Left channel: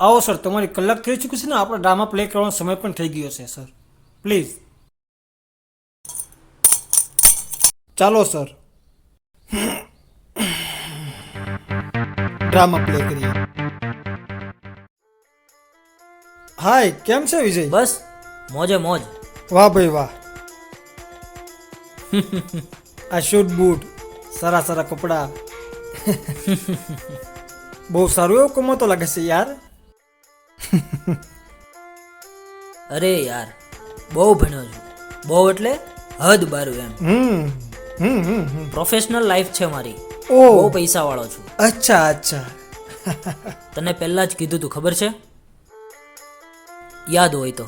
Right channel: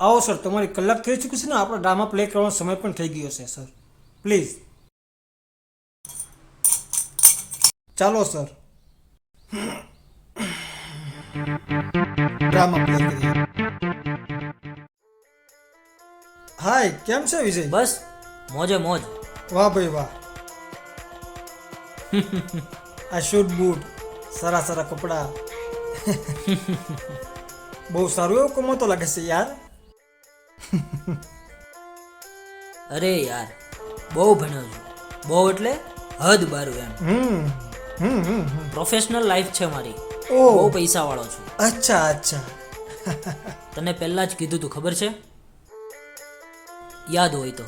આવો સર, તમારી કલાક થઈ ચૂકી છે ને, આપણો ડ્રામા પ્લે કરવાનો સમય પણ થઈ ગયો છે સર. પ્લીઝ ચાલો સર, ડ્રામા પ્લે કરીએ. હાય, કેમ છે વિજય? બસ મોજે મોજ. વાહ ભાઈ વાહ. આ શૂટ બૂટ, સારા સારા કપડા. બહુ સારું એવું કમાતો લાગે છે યાર. અરે યાર, બહુ ભણ્યો છું. બહુ એટલે હદ બારું એમ. પ્રોફેશનલ લાઈફ છે મારી. ઓહ. બહુ પૈસા વાળો છું. અચ્છા અચ્છા. તને પહેલા જ કીધું તું, ખબર છે? યાદ હોય તો.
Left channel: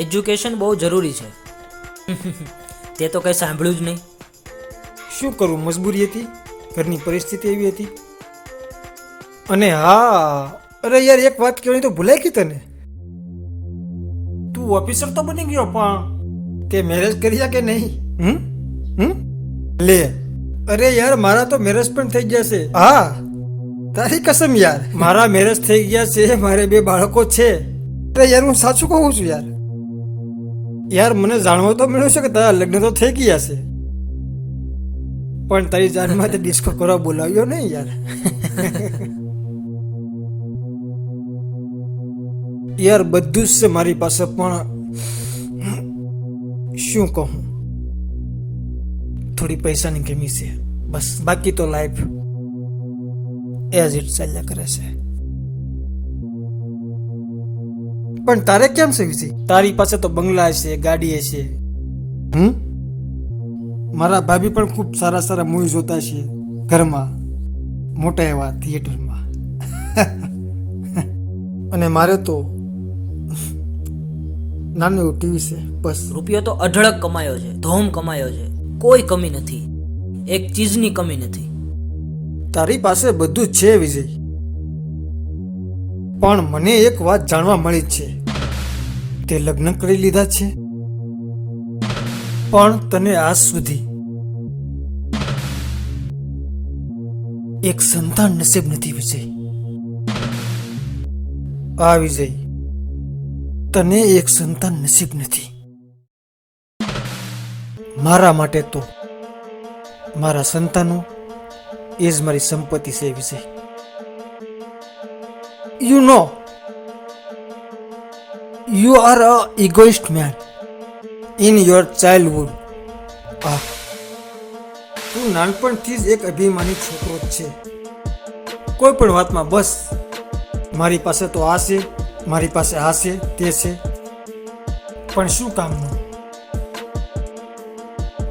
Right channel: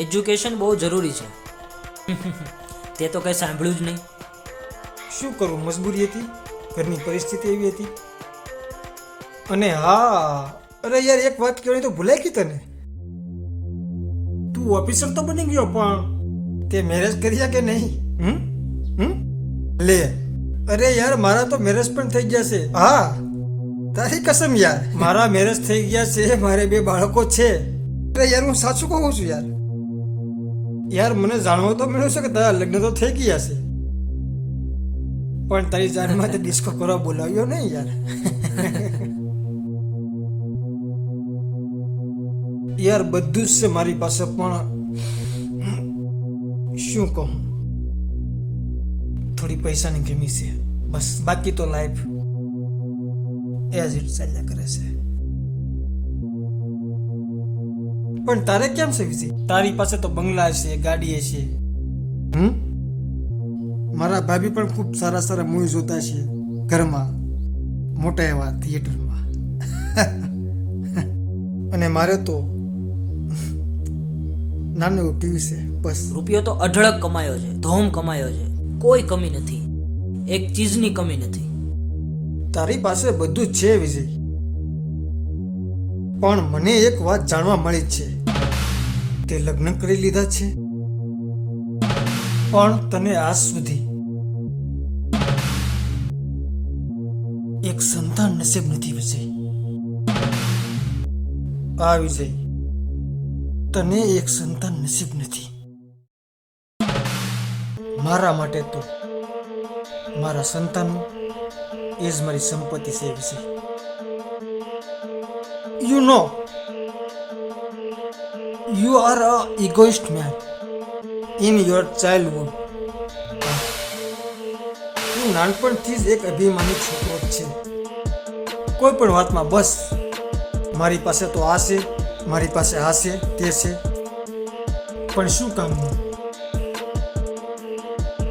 એજ્યુકેશન બહુ જરૂરી છે. તે તો કંઈ સાંભળ્યું જ નહીં. શું કરું, મજબૂરી હતી, ઘરની પરિસ્થિતિ એવી હતી. અને હા, અરે યાર, એક વાત કહેવાની તો ભૂલાઈ ગઈ તને. તું ઓફિસર તો બની ગયો, પણ તે મેરેજ કર્યા કે નહીં? લે, અરે યાર, મારા તો મેરેજ પણ થઈ ગયા છે. હા, તારી કસમ યાર, મારા મેરેજ થઈ ગયા છે, મારે 2 બાળકો છે. અરે યાર, હું સાચું કહું છું યાર. યાર, મને જાણવા તો મળ્યું છે કે તારા લગ્ન તો થઈ ગયા છે, પણ તારી જાનમાં તે ડિસ્કો કરવા બોલાવ્યો નહીં યાર. યાર, બધું જ છે મારી પાસે, પણ શું કહું, થોડી પૈસાની કમી છે બસ. બાકી તો લાઈફ એઝ ઇટ ચાલ્યા કરે છે. પણ તારે કેમ છે વિજય? તારી પાસે તો બંગલા છે, ગાડી છે. મારા ભાભી પણ ખૂબ સારા સારા મૂવી જોતા છે ઘરમાં, મોટા એવા થિયેટરમાં. અને મારે તો નાનું એવું ટીવી છે બસ. રૂપિયો તો અઢળક કમાયો છે, ધોમ કમાયો છે. કોઈ કમી નથી, એક ચીજની કમી નથી. તારી પાસે બધું જ છે વિજય, પણ મને એક વાત જાણવા મળી છે. તે લગ્ન કરી લીધા છે, પણ તને આજ સુધી એક સંતાન નસીબ નથી વિજય. આ વિજય, તને એક સંતાન નસીબ નથી. મારા માટે તો મારા સંતાનો એ જ મારી સંપત્તિ છે Vijay. You know, you are a egoist man in your childhood. તું નાનપણથી જ એક અભિમાની છોકરો જ છે. કોઈ પણ વાતમાં બસ મારી પાસે તો આ છે, મારી પાસે આ છે, તે છે, પણ શું કામનું?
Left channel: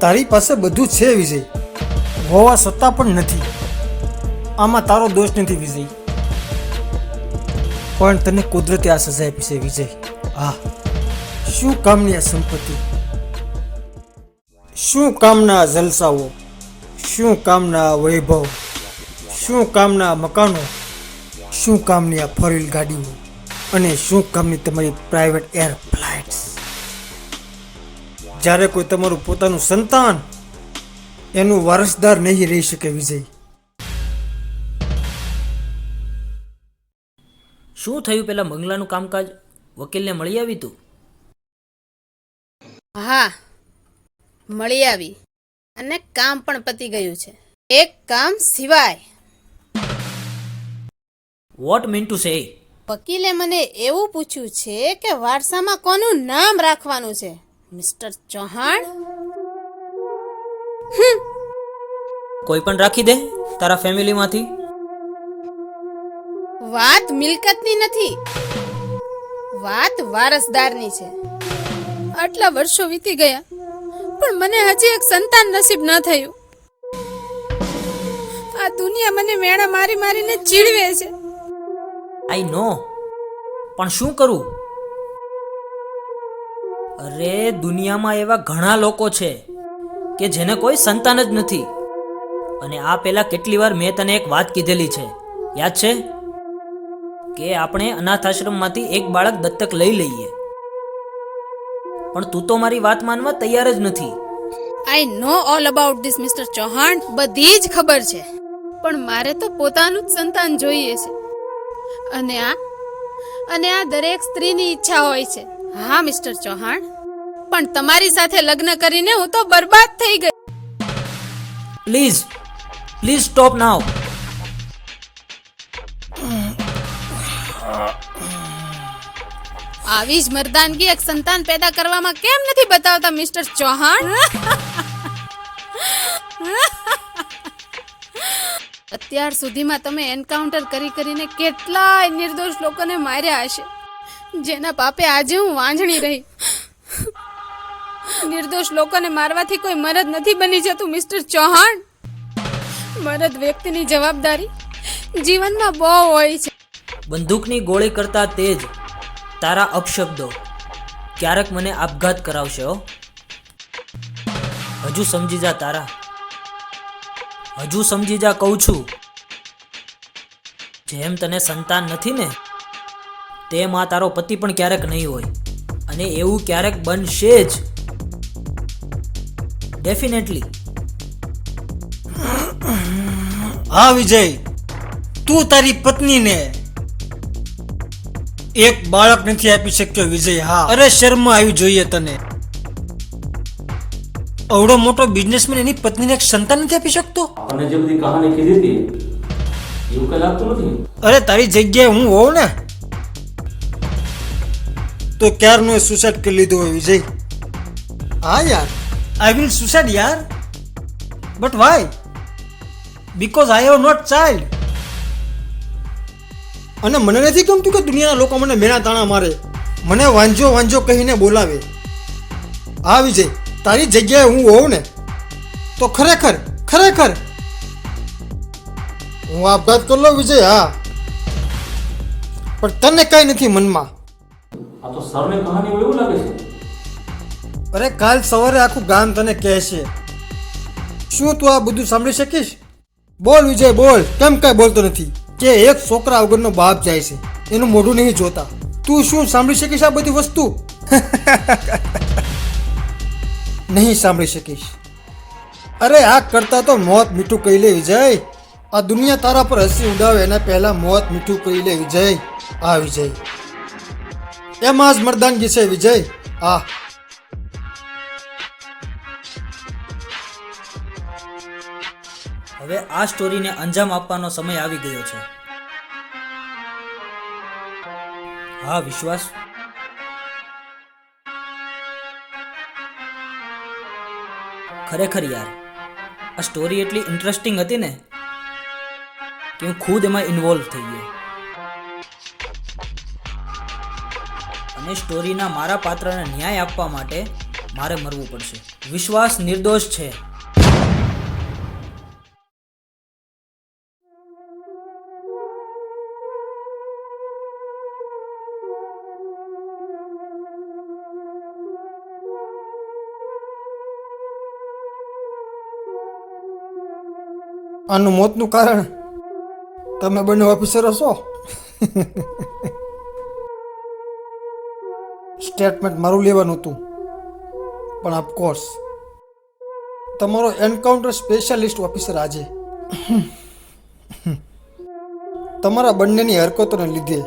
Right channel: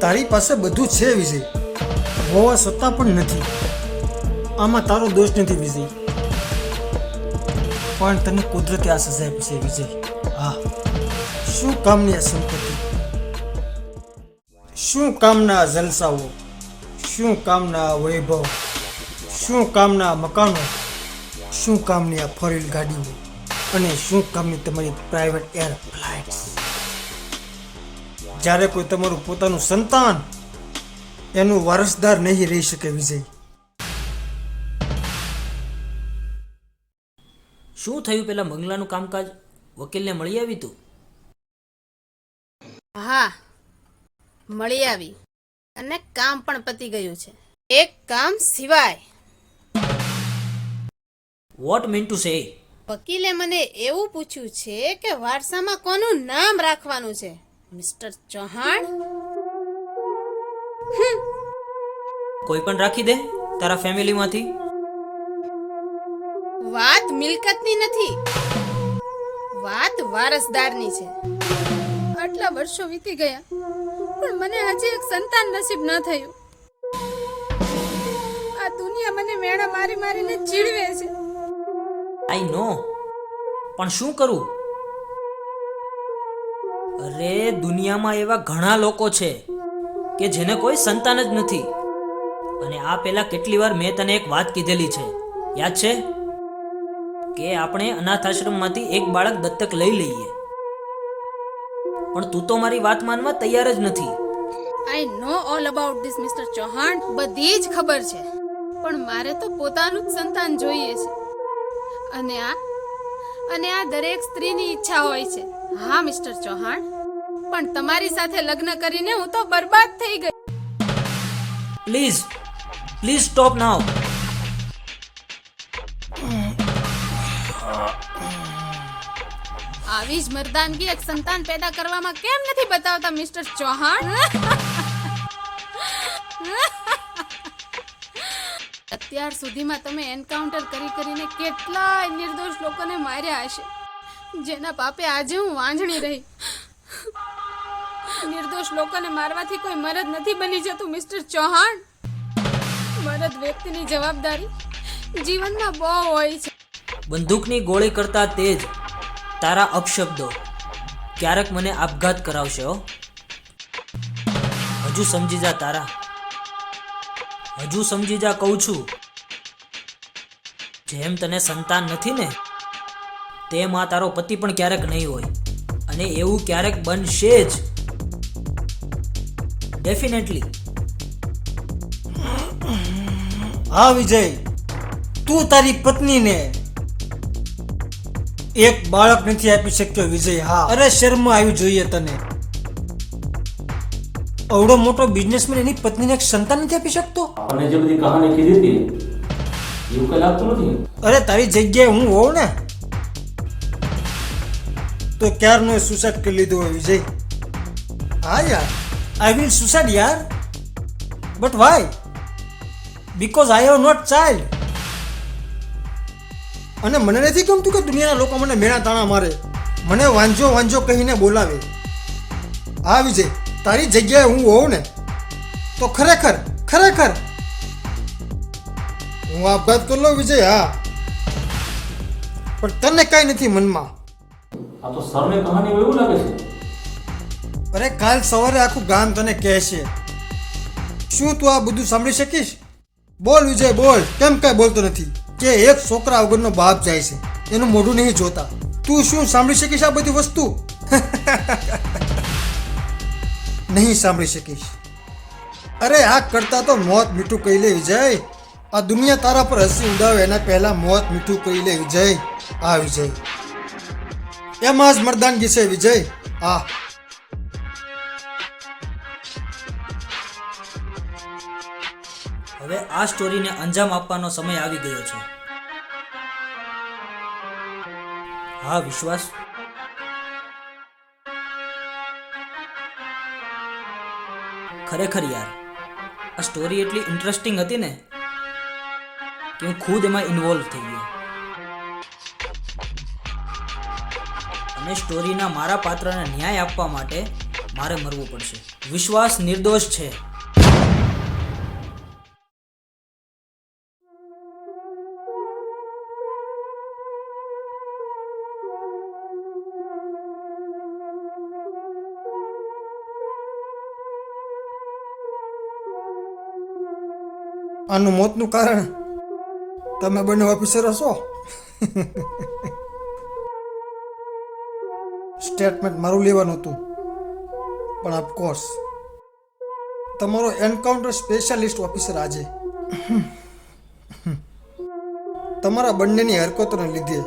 તારી પાસે બધું છે વિજય, હોવા છતાં પણ નથી. આમાં તારો દોષ નથી વિજય, પણ તને કુદરતે આ સજા આપી છે વિજય. હા, શું કામની આ સંપત્તિ, શું કામના જલસાઓ, શું કામના વૈભવ, શું કામના મકાનો, શું કામની આ 4-wheel ગાડીઓ, અને શું કામની તમારી પ્રાઇવેટ એર ફ્લાઇટ્સ, જ્યારે કોઈ તમારું પોતાનું સંતાન એનું વારસદાર નહીં રહી શકે વિજય. શું થયું પેલા બંગલાનું કામકાજ? વકીલને મળી આવી તું? હા, મળી આવી અને કામ પણ પતી ગયું છે. એક કામ સિવાય. Vote mean to say? વકીલે મને એવું પૂછ્યું છે કે વારસામાં કોનું નામ રાખવાનું છે, મિસ્ટર ચૌહાણ? કોઈ પણ રાખી દે તારા ફેમિલીમાંથી. વાત મિલકતની નથી, વાત વારસદારની છે. આટલા વર્ષો વીતી ગયા, પણ મને હજી એક સંતાન નસીબ ન થયું. આ દુનિયા મને મેણા મારી મારીને ચીડવે છે. આઈ નો, પણ શું કરું? અરે, દુનિયામાં એવા ઘણા લોકો છે કે જેને કોઈ સંતાન જ નથી. અને આ પહેલા કેટલી વાર મેં તને એક વાત કીધેલી છે, યાદ છે? કે આપણે અનાથ આશ્રમમાંથી એક બાળક દત્તક લઈ લઈએ. પણ તું તો મારી વાત માનવા તૈયાર જ નથી. I know all about this mister Chauhan. બધી જ ખબર છે, પણ મારે તો પોતાનું જ સંતાન જોઈએ છે. અને આ દરેક સ્ત્રીની ઈચ્છા હોય છે. હા મિસ્ટર ચૌહાણ, પણ તમારી સાથે લગ્ન કરીને હું તો બરબાદ થઈ ગઈ. પ્લીઝ સ્ટોપ નાવ. આવી જ મર્દાનગી એક સંતાન પેદા કરવામાં કેમ નથી બતાવતા મિસ્ટર ચૌહાણ? અત્યાર સુધીમાં તમે એન્કાઉન્ટર કરીને કેટલાય નિર્દોષ લોકોને માર્યા હશે, જેના પાપે આજે હું વાંઝણી રહી. નિર્દોષ લોકોને મારવાથી કોઈ મરદ નથી બની જતું મિસ્ટર ચૌહાણ. મરદ વ્યક્તિની જવાબદારી જીવનમાં બહુ હોય છે. બંદૂકની ગોળી કરતા તેજ તારા અપશબ્દો ક્યારેક મને આપઘાત કરાવશે. હજુ સમજી જા તારા, હજુ સમજી જા કહું છું. જેમ તને સંતાન નથી ને, તેમ આ તારો પતિ પણ ક્યારેક નહીં હોય, અને એવું ક્યારેક બનશે જ. ડેફિનેટલી. હા વિજય, તું તારી પત્નીને એક બાળક નથી આપી શક્યો વિજય. હા, અરે શર્મ આવી જોઈએ તને. અવડો મોટો બિઝનેસમેન એની પત્નીને એક સંતાન નથી આપી શકતો. અને જે બધી કહાની કીધી હતી એવું કઈ લાગતું નથી. અરે તારી જગ્યાએ હું હોઉં ને તો ક્યારનો સુસાઇડ કરી લીધો હોય વિજય. હા યાર, આઈ વિલ સુસાઇડ યાર, but why? Because I have not child. અને મને નથી ગમતું કે દુનિયાના લોકો મને મેણા તાણા મારે, મને વાંજો વાંજો કહીને બોલાવે. હા વિજય, તારી જગ્યાએ હું હોઉં ને તો ખરેખર હું આપઘાત કરી લઉં વિજય. હા, પણ તને કઈ નથી મનમાં. આ તો સરની કહાની હોય એવું લાગે છે. અરે કાલ સવારે આખું ગામ તને કહેશે. શું તું આ બધું સાંભળી શકીશ? બોલ વિજય બોલ, કેમ કઈ બોલતો નથી? કે એક છોકરા વગરનો બાપ જાય છે, એનું મોઢું નહીં જોતા. તું શું સાંભળી શકીશ આ બધી વસ્તુ? નહીં સાંભળી શકીશ. અરે આ કરતા તો મોત મીઠું કહી લે વિજય. આ દુનિયા તારા પર હસી ઉડાવે એના પહેલા મોત મીઠું કહી લે વિજય. હા વિજય, એમાં જ મર્દાનગી છે વિજય. હા, હવે આ સ્ટોરીને અંજામ આપવાનો સમય આવી ગયો છે. હા વિશ્વાસ, ખરેખર યાર આ સ્ટોરી એટલી ઇન્ટરેસ્ટિંગ હતી ને કે હું ખુદ એમાં ઇન્વોલ્વ થઈ ગયો. અને સ્ટોરીના મારા પાત્રને ન્યાય આપવા માટે મારે મરવું પડશે. વિશ્વાસ નિર્દોષ છે. આનું મોતનું કારણ તમે બંને ઓફિસરો છો. સ્ટેટમેન્ટ મારું લેવાનું હતું, પણ ઓફકોર્સ તમારો એન્કાઉન્ટર સ્પેશિયાલિસ્ટ ઓફિસર આજે તમારા બંનેની હરકતોને લીધે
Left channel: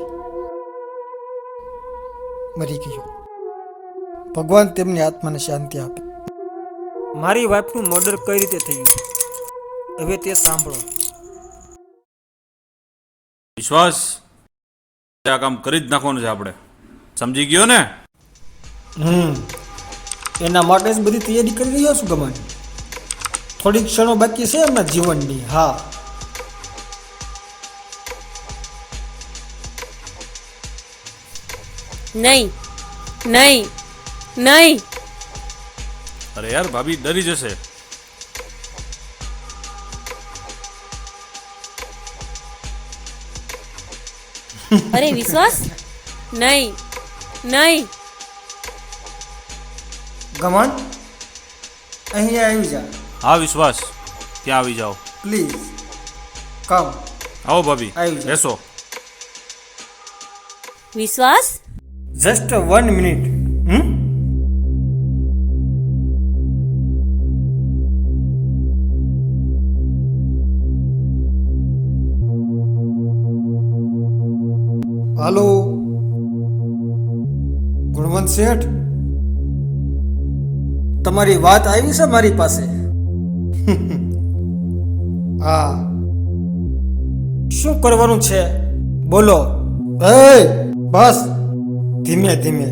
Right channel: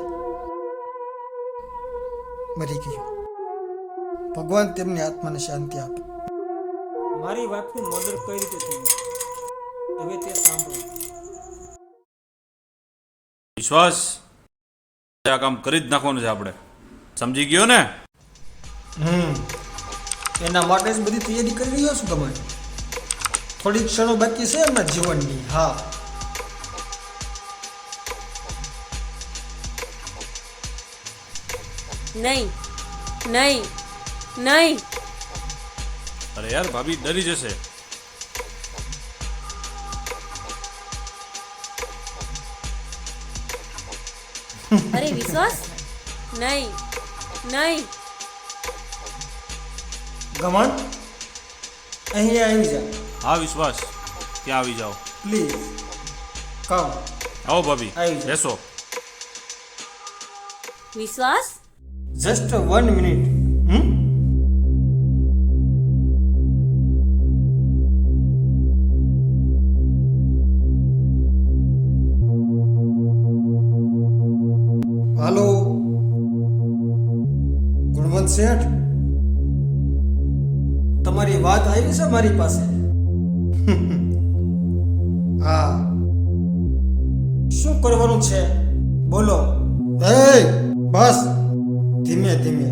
મરી ગયો. ભગવાન તેમની આત્માને શાંતિ આપે. મારી વાઈફનું મર્ડર કઈ રીતે થયું હવે તે સાંભળો. વિશ્વાસ, આ કામ કરી જ નાખવાનું છે આપણે, સમજી ગયો ને? એના માટે જ બધી તૈયારી કરી રહ્યો છું ગમન. થોડીક ક્ષણો બાકી છે એમના જીવનની. હા, નહીં નહીં નહીં. અરે યાર, ભાભી ડરી જશે. અરે વિશ્વાસ, નહીં નહીં. ગમન અહીંયા આવી જા હા વિશ્વાસ, ત્યાં આવી જાઓ પ્લીઝ. કમ. આવો ભાભી, આવી જાઓ. બેસો. વિશ્વાસ, જસ્ટ 1 મિનિટ. હાલો ગુણવંત શેઠ, તમારી વાત આવી છે મારી પાસે. હા, શું કરવાનું છે બોલો. બસ ધીમે ધીમે.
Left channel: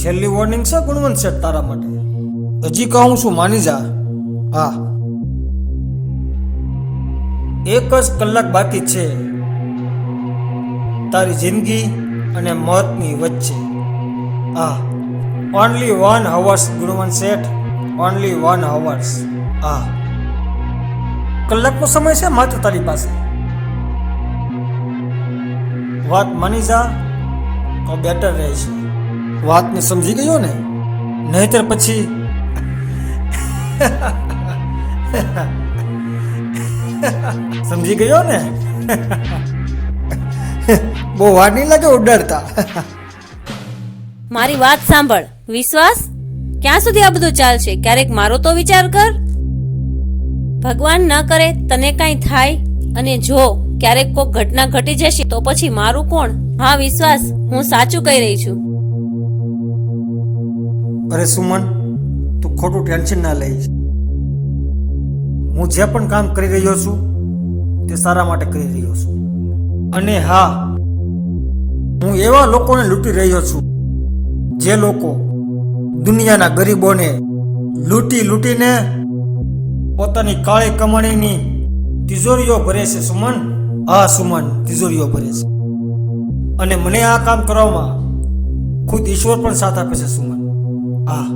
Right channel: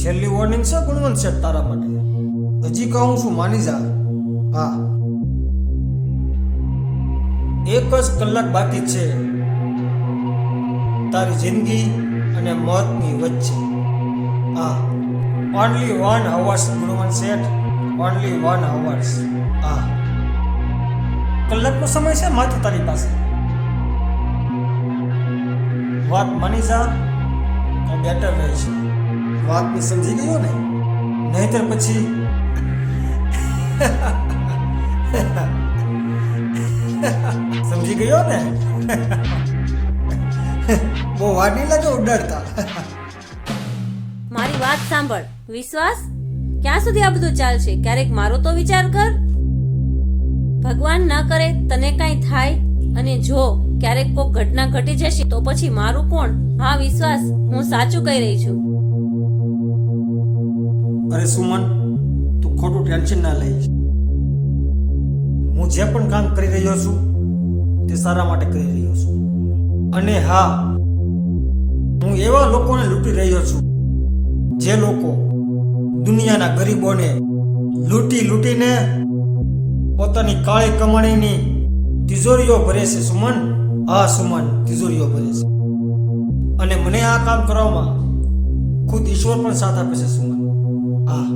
છેલ્લી વોર્નિંગ છે ગુણવંત શેઠ તારા માટે. હજી કહું છું માની જા. હા, 1 જ કલાક બાકી છે તારી જિંદગી અને મોતની વચ્ચે. હા, ઓનલી 1 hours ગુણવંત શેઠ, ઓનલી 1 hours. હા, કલાકનો સમય છે માત્ર તારી પાસે. વાત માની જા તો બેટર રહેશે. વાતને સમજી ગયો ને? નહીતર પછી સમજી ગયો ને? બહુ વાર નહીં લાગે ઉડાડતા. મારી વાત સાંભળ વિશ્વાસ, ક્યાં સુધી આ બધું ચાલશે? ક્યારેક મારો તો વિચાર કર. ભગવાન ન કરે તને કાંઈ થાય અને જો ક્યારેક કોઈ ઘટના ઘટી જશે તો પછી મારું કોણ? હા વિશ્વાસ, હું સાચું કહી રહી છું. અરે સુમન, તું ખોટું ટેન્શન ના લઈશ. હું જે પણ કામ કરી રહ્યો છું તે સારા માટે કરી રહ્યો છું. અને હા, હું એવા લોકોને લૂંટી રહ્યો છું જે લોકો દુનિયાના ગરીબોને લૂંટીને પોતાની કાળી કમાણીની તિજોરીઓ ભરે છે સુમન. હા સુમન, તિજોરીઓ ભરે છે. અને મને આ કામ કરવામાં ખુદ ઈશ્વર પણ સાથ આપે છે સુમન. હા,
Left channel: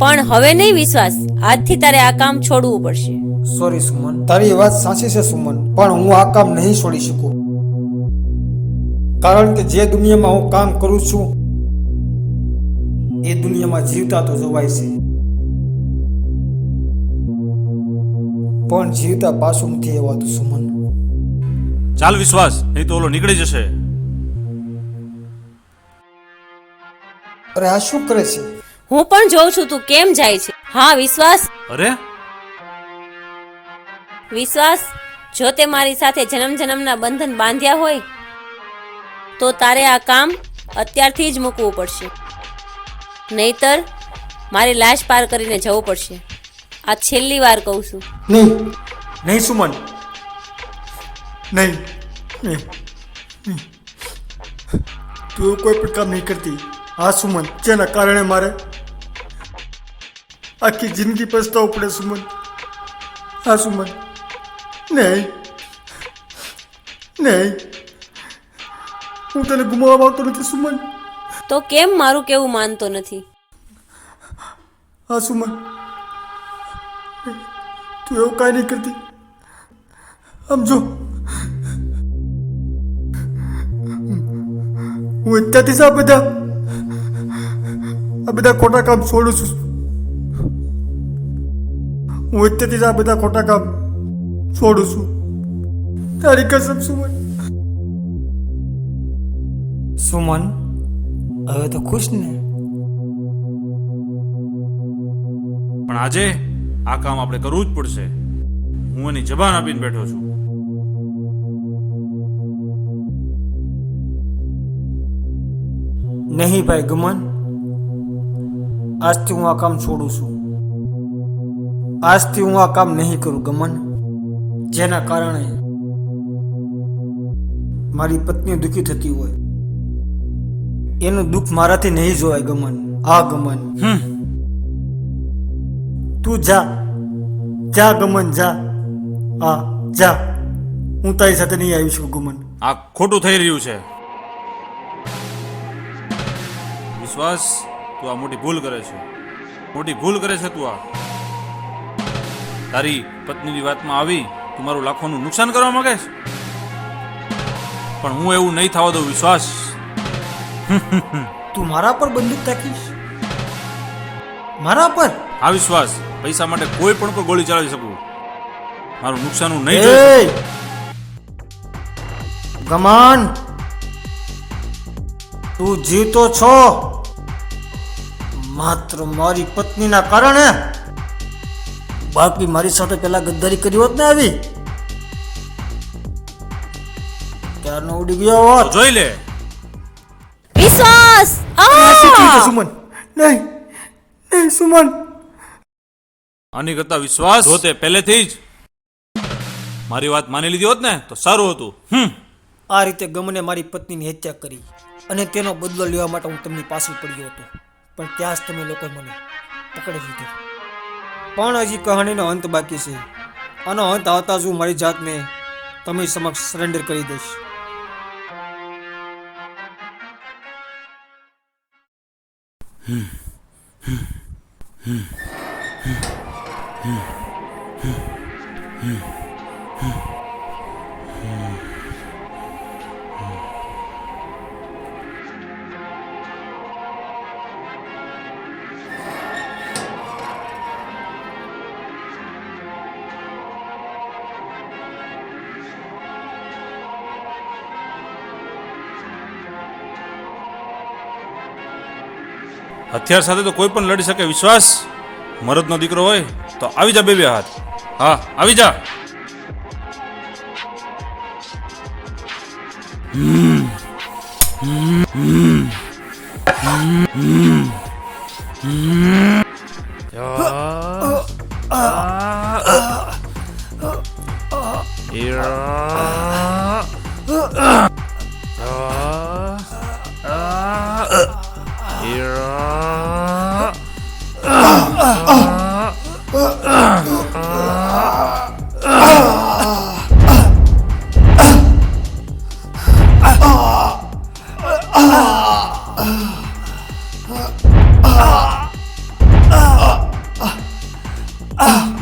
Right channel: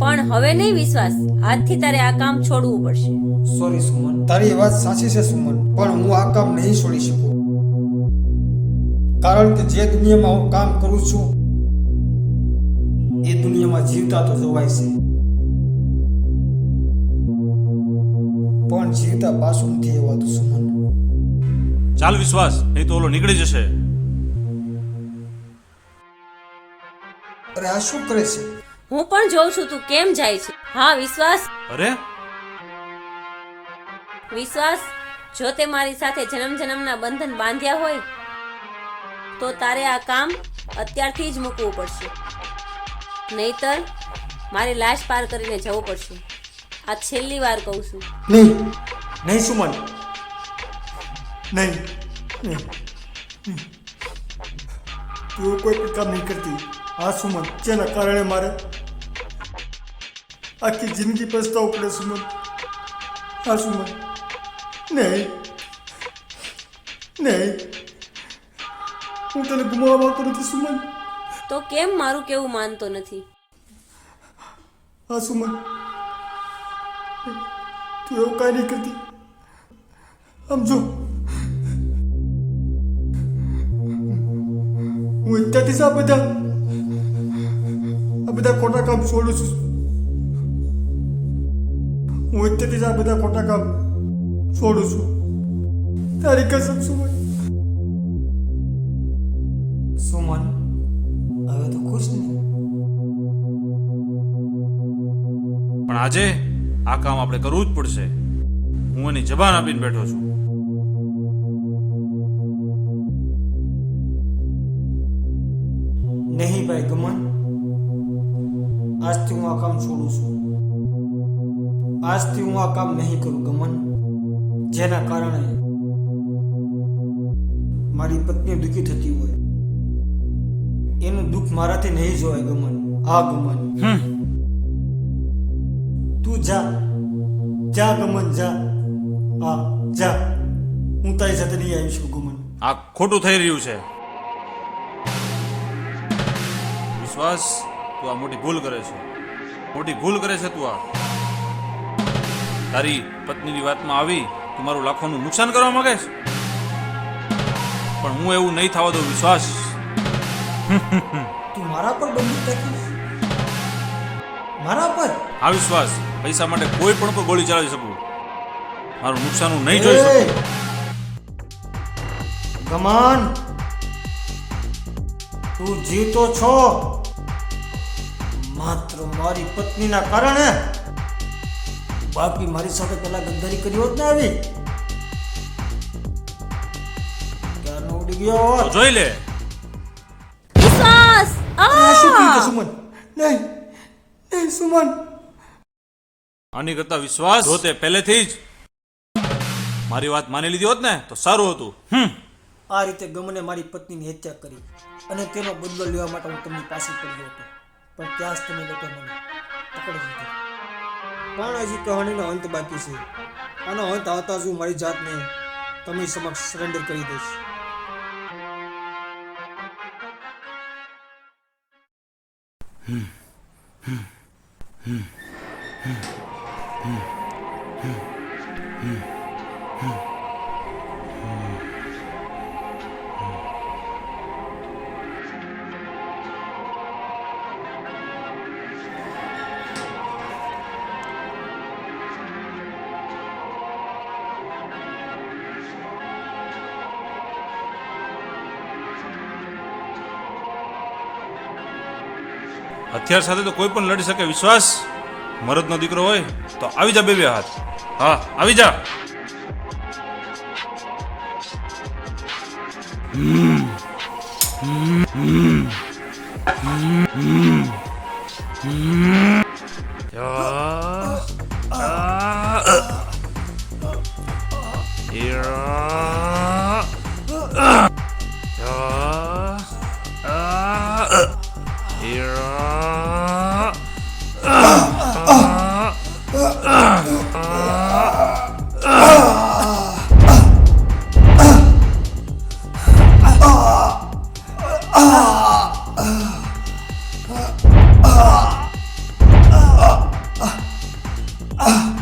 પણ હવે નહીં વિશ્વાસ, આજથી તારે આ કામ છોડવું પડશે. સોરી સુમન, તારી વાત સાચી છે સુમન, પણ હું આ કામ નહીં છોડી શકું. કારણ કે જે દુનિયામાં હું કામ કરું છું એ દુનિયામાં જીવતા તો જોવાય છે, પણ જીવતા પાછું નથી એવાતું સુમન. ચાલ વિશ્વાસ, નહીં તો ઓલો નીકળી જશે. અરે આ શું કરે છે? હું પણ જોઉં છું તું કેમ જાય છે. હા વિશ્વાસ, અરે વિશ્વાસ, જો તે મારી સાથે જન્મ જન્મના બંધન બાંધ્યા હોય તો તારે આ કામ અત્યારથી જ મૂકવું પડશે. નહીતર મારી લાશ પાર કરીને જવું પડશે. આ છેલ્લી વાર કહું છું. નહીં નહીં સુમન, નહીં. તું કોઈ પણ કામ નહીં કરતી. હા સુમન, જેના કારણે મારે આખી જિંદગી પસ્તાવું પડે સુમન. હા સુમન, નહીં નહીં, હું તને ગુમાવવા માંગતો નથી સુમન. તો કેમ મારું કેવું માનતો નથી? હા સુમન, તું એવું કાંઈ નહીં કરતી. સમજો, હું અત્યારથી જ આ બધા ખોટા કામ છોડું છું. હું અત્યારથી જ આ બધા ખોટા કામ છોડું છું. તારી કસમ સુમન. સુમન, હવે તો ખુશ ને? પણ આજે આ કામ આપણે કરવું જ પડશે. હું એની જબાન આપીને બેઠો છું. નહીં ભાઈ ગમન, આજથી હું આ કામ છોડું છું. આજથી હું આ કામ નહીં કરું ગમન, જેના કારણે મારી પત્ની દુઃખી થતી હોય. એનું દુઃખ મારાથી નહીં જોવાય ગમન. હા ગમન, તું જા જા ગમન, જા. હા જા, હું તારી સાથે નહીં આવી છું ગમન. આ ખોટું થઈ રહ્યું છે. વિશ્વાસ, તું આ મોટી ભૂલ કરે છે. મોટી ભૂલ કરે છે તું. આ તારી પત્નીની વાતમાં આવી તું મારું લાખોનું નુકસાન કરવા માંગે છે. પણ હું એવું નહીં થવા દઉં વિશ્વાસ. તું મારા પર બંદૂક તાકીશ? મારા પર? આ વિશ્વાસ, પૈસા માટે કોઈ પણ પર ગોળી ચલાવી શકું. મારું નુકસાન હું નહીં જોઈ શકું. ગમન, તું જીવતો છો માત્ર મારી પત્નીના કારણે. બાકી મારી સાથે પેલા ગદ્દારી કરી હોત ને આવી ઉડી ગયો હોત. જોઈ લે. વિશ્વાસ આ શું થયું છે, સુમન? નહીં નહીં સુમન. આની કરતા વિશ્વાસ જો તે પહેલેથી જ મારી વાત માની લીધી હોત ને તો સારું હતું. આ રીતે ગમને મારી પત્નીની હત્યા કરી અને તેનો બદલો લેવા માટે હું તેમની પાસે પડ્યો હતો, પણ ત્યાં જ તમે લોકો મને પકડી લીધો. પણ હજી કહાણીનો અંત બાકી છે. આનો અંત આવતા જ હું મારી જાતને તમે સમક્ષ સરેન્ડર કરી દઈશ. હથિયાર સાથે તો કોઈ પણ લડી શકે. વિશ્વાસ મરદનો દીકરો હોય તો આવી જા બે હાથ. હા આવી જા.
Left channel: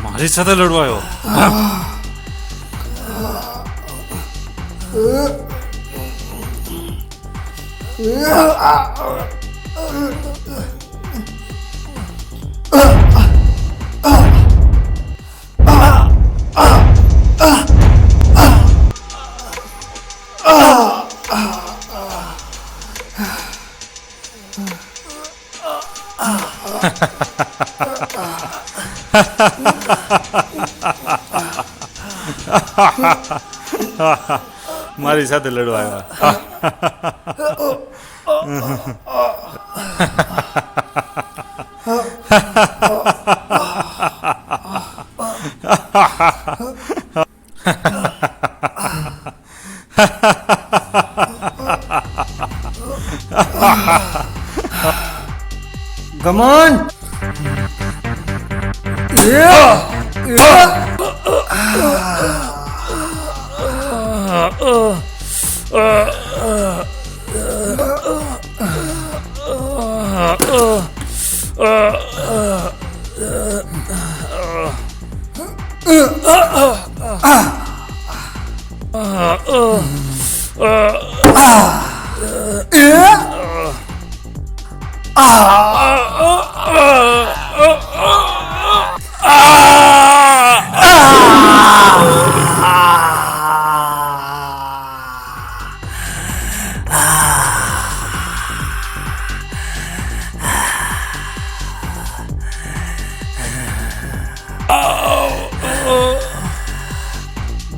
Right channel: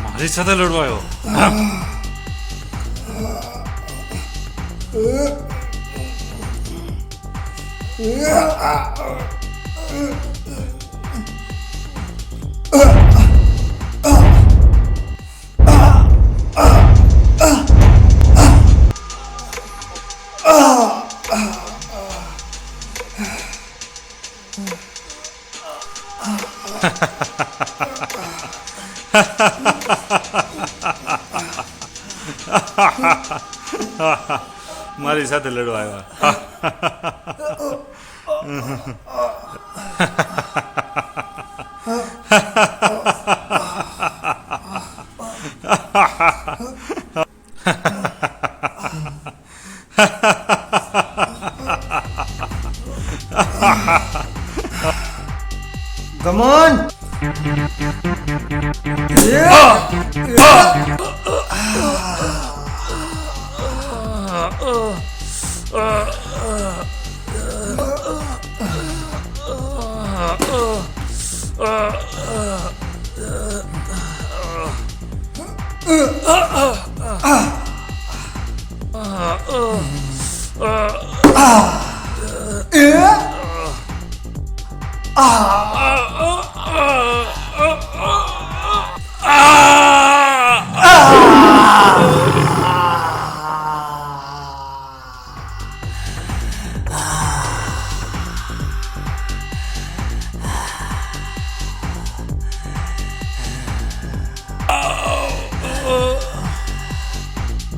મારી સાથે લડવાયો. મારી સાથે લડવાયા. ગમન.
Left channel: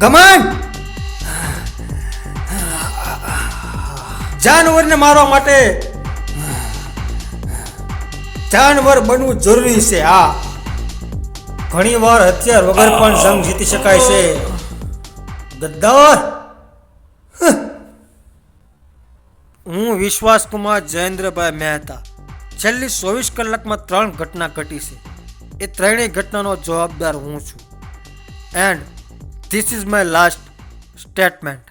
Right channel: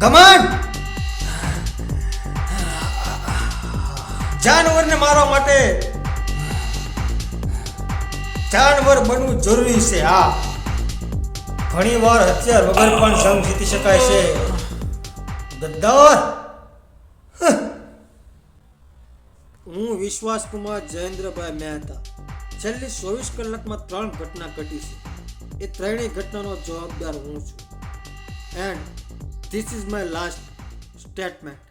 ગમન. જાનવરને મારવા માટે જાનવર બનવું જરૂરી છે. હા, ઘણી વાર હથિયાર વગર પણ જંગ જીતી શકાય છે. ગદ્દાર. હું વિશ્વાસકુમાર જયેન્દ્રભાઈ મહેતા. છેલ્લી 24 કલાકમાં 3 ઘટના ઘટી છે. એ ત્રણેય ઘટનાનો જવાબદાર હું છું. And this is my last statement.